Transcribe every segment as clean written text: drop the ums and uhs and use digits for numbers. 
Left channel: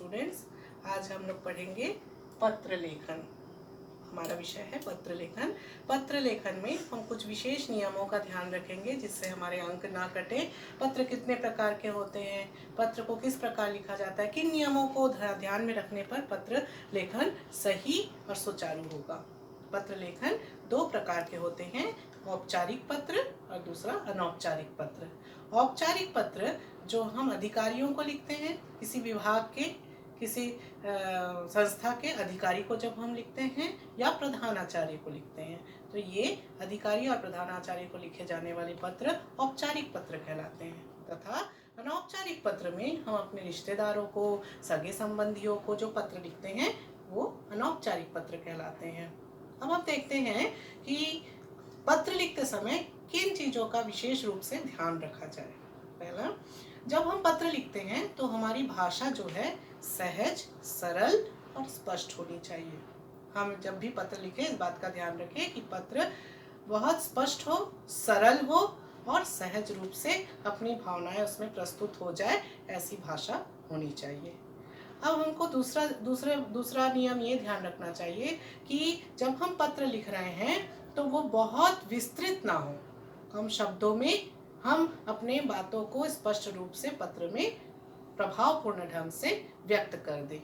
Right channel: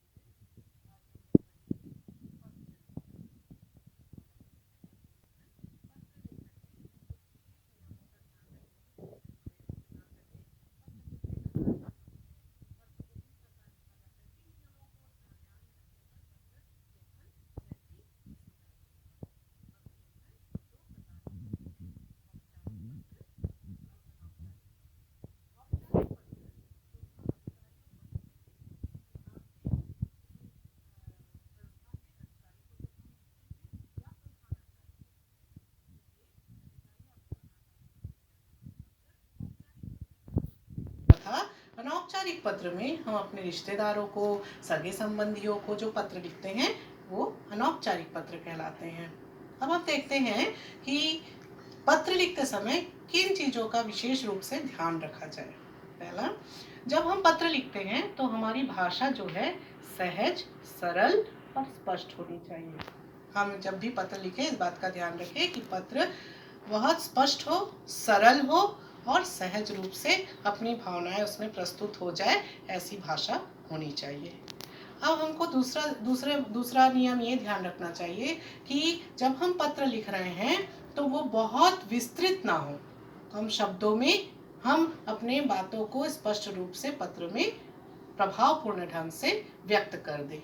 Students, आज हम लोग पढ़ेंगे पत्र लेखन। हमारा विषय है पत्र लेखन। पत्र लेखन में हम कुछ विशेष नियमों का ध्यान रखेंगे जिससे हमारे अंक ना कटे। पत्र कितने प्रकार के होते हैं, पत्र को किस प्रकार लिखा जाता है, किन नियमों को ध्यान में रखने पर पत्र लेखन सही और सुचारू होगा। पत्र लेखन दो प्रकार के होते हैं, औपचारिक पत्र और दूसरा अनौपचारिक पत्र। औपचारिक पत्र जो हम अधिकारियों को लिखते हैं, किसी विभाग के, किसी संस्था के अधिकारी को जब हम लिखते हैं या प्रधानाचार्य को लिखते हैं, तो ये अधिकारी और प्रधानाचार्य को लिखे जाने वाले पत्र औपचारिक पत्र कहलाते हैं। तथा अनौपचारिक पत्र में हम अपने रिश्तेदारों को, सगे संबंधियों को जो पत्र लिखते हैं वो अनौपचारिक पत्र कहलाते हैं। अब हम देखते हैं कि पत्र लिखते समय किन चीज़ों का विशेष रूप से ध्यान रखा जाए। पहला, जब हम पत्र लिखते हैं तो हमारी भाषा जो है सहज, सरल और स्पष्ट होनी चाहिए। हम जब भी पत्र लिखें इस बात का ध्यान रखें कि पत्र बहुत स्पष्ट हो, सरल हो और सहज रूप से अपनी भावनाएं उसमें प्रस्तुत हो जाए, ऐसी भाषा होनी चाहिए। अब हमको दूसरा नियम ये ध्यान रखना चाहिए कि जब हम पत्र लिख रहे हैं तो वो बहुत विस्तृत ना हो। कम शब्दों में हम अपने बातों को स्पष्ट रूप से पत्र में प्रभावपूर्ण ढंग से व्यक्त कर दें।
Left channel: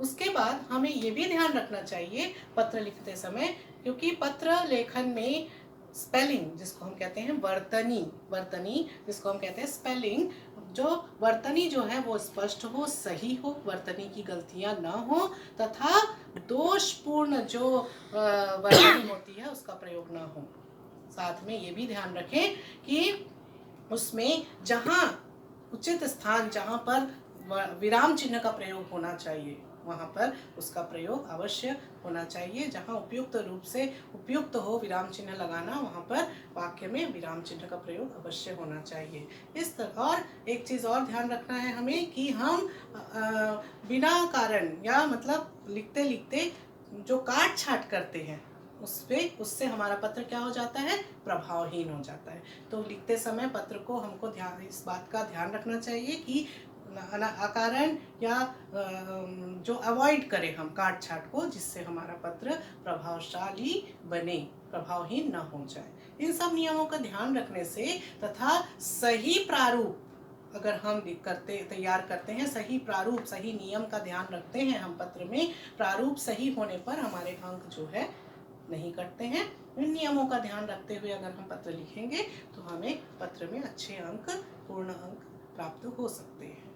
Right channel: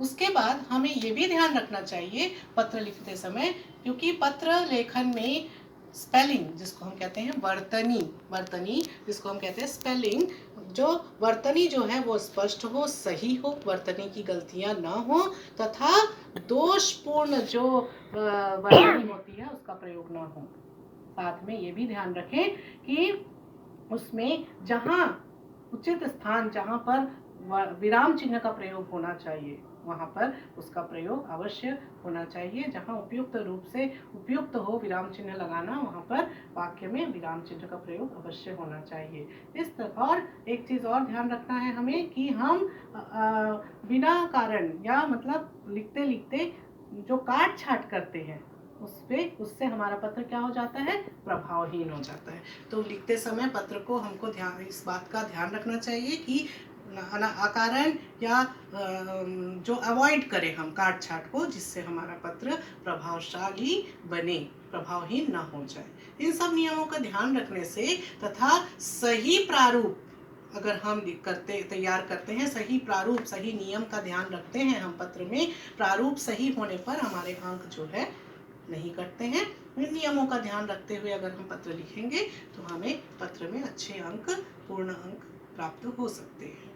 उसके बाद हमें ये भी ध्यान रखना चाहिए पत्र लिखते समय, क्योंकि पत्र लेखन में स्पेलिंग, जिसको हम कहते हैं वर्तनी जिसको हम कहते हैं स्पेलिंग, जो वर्तनी जो है वो स्पष्ट हो, सही हो, वर्तनी की गलतियां ना हो तथा दोषपूर्ण जो वर्तनी होती है उसका प्रयोग ना हो। साथ में ये भी ध्यान रखें कि उसमें जहाँ उचित स्थान, जहाँ पर विराम चिन्ह का प्रयोग होना चाहिए वहाँ पर उसका प्रयोग अवश्य होना चाहिए। जहाँ उपयुक्त रूप से उपयुक्त हो विराम चिन्ह लगाना, वहाँ पर वाक्य में विराम चिन्ह का प्रयोग अवश्य होना चाहिए। इस तरह और एक चीज़ और ध्यान रखना है हमें कि हम बिना कारण या मतलब लिखते लिखते जो काट छाट करते हैं उससे हमारा पत्र क्या हो जाता है, प्रभावहीन हो जाता है। तो लिखते समय पत्र को हमको इस बात का ध्यान रखना चाहिए कि अकारण या जो अवॉइड करें हम काट छाट को, जिससे हमारा पत्र प्रभावशाली बने, प्रभावहीन ना हो जाए। इन सब नियमों का ध्यान रखने से तथा सही प्रारूप अगर हम तैयार करते हैं, सही प्रारूप, सही नियम का ध्यान रखते हैं हम पत्र में, प्रारूप सही होने पर हमारे अंक जो है नहीं कटते हैं। इन नियमों का ध्यान रखते हुए अगर हम पत्र लिखेंगे तो हमें पत्र में अच्छे अंक, पूर्ण अंक प्राप्त हो सकते हैं।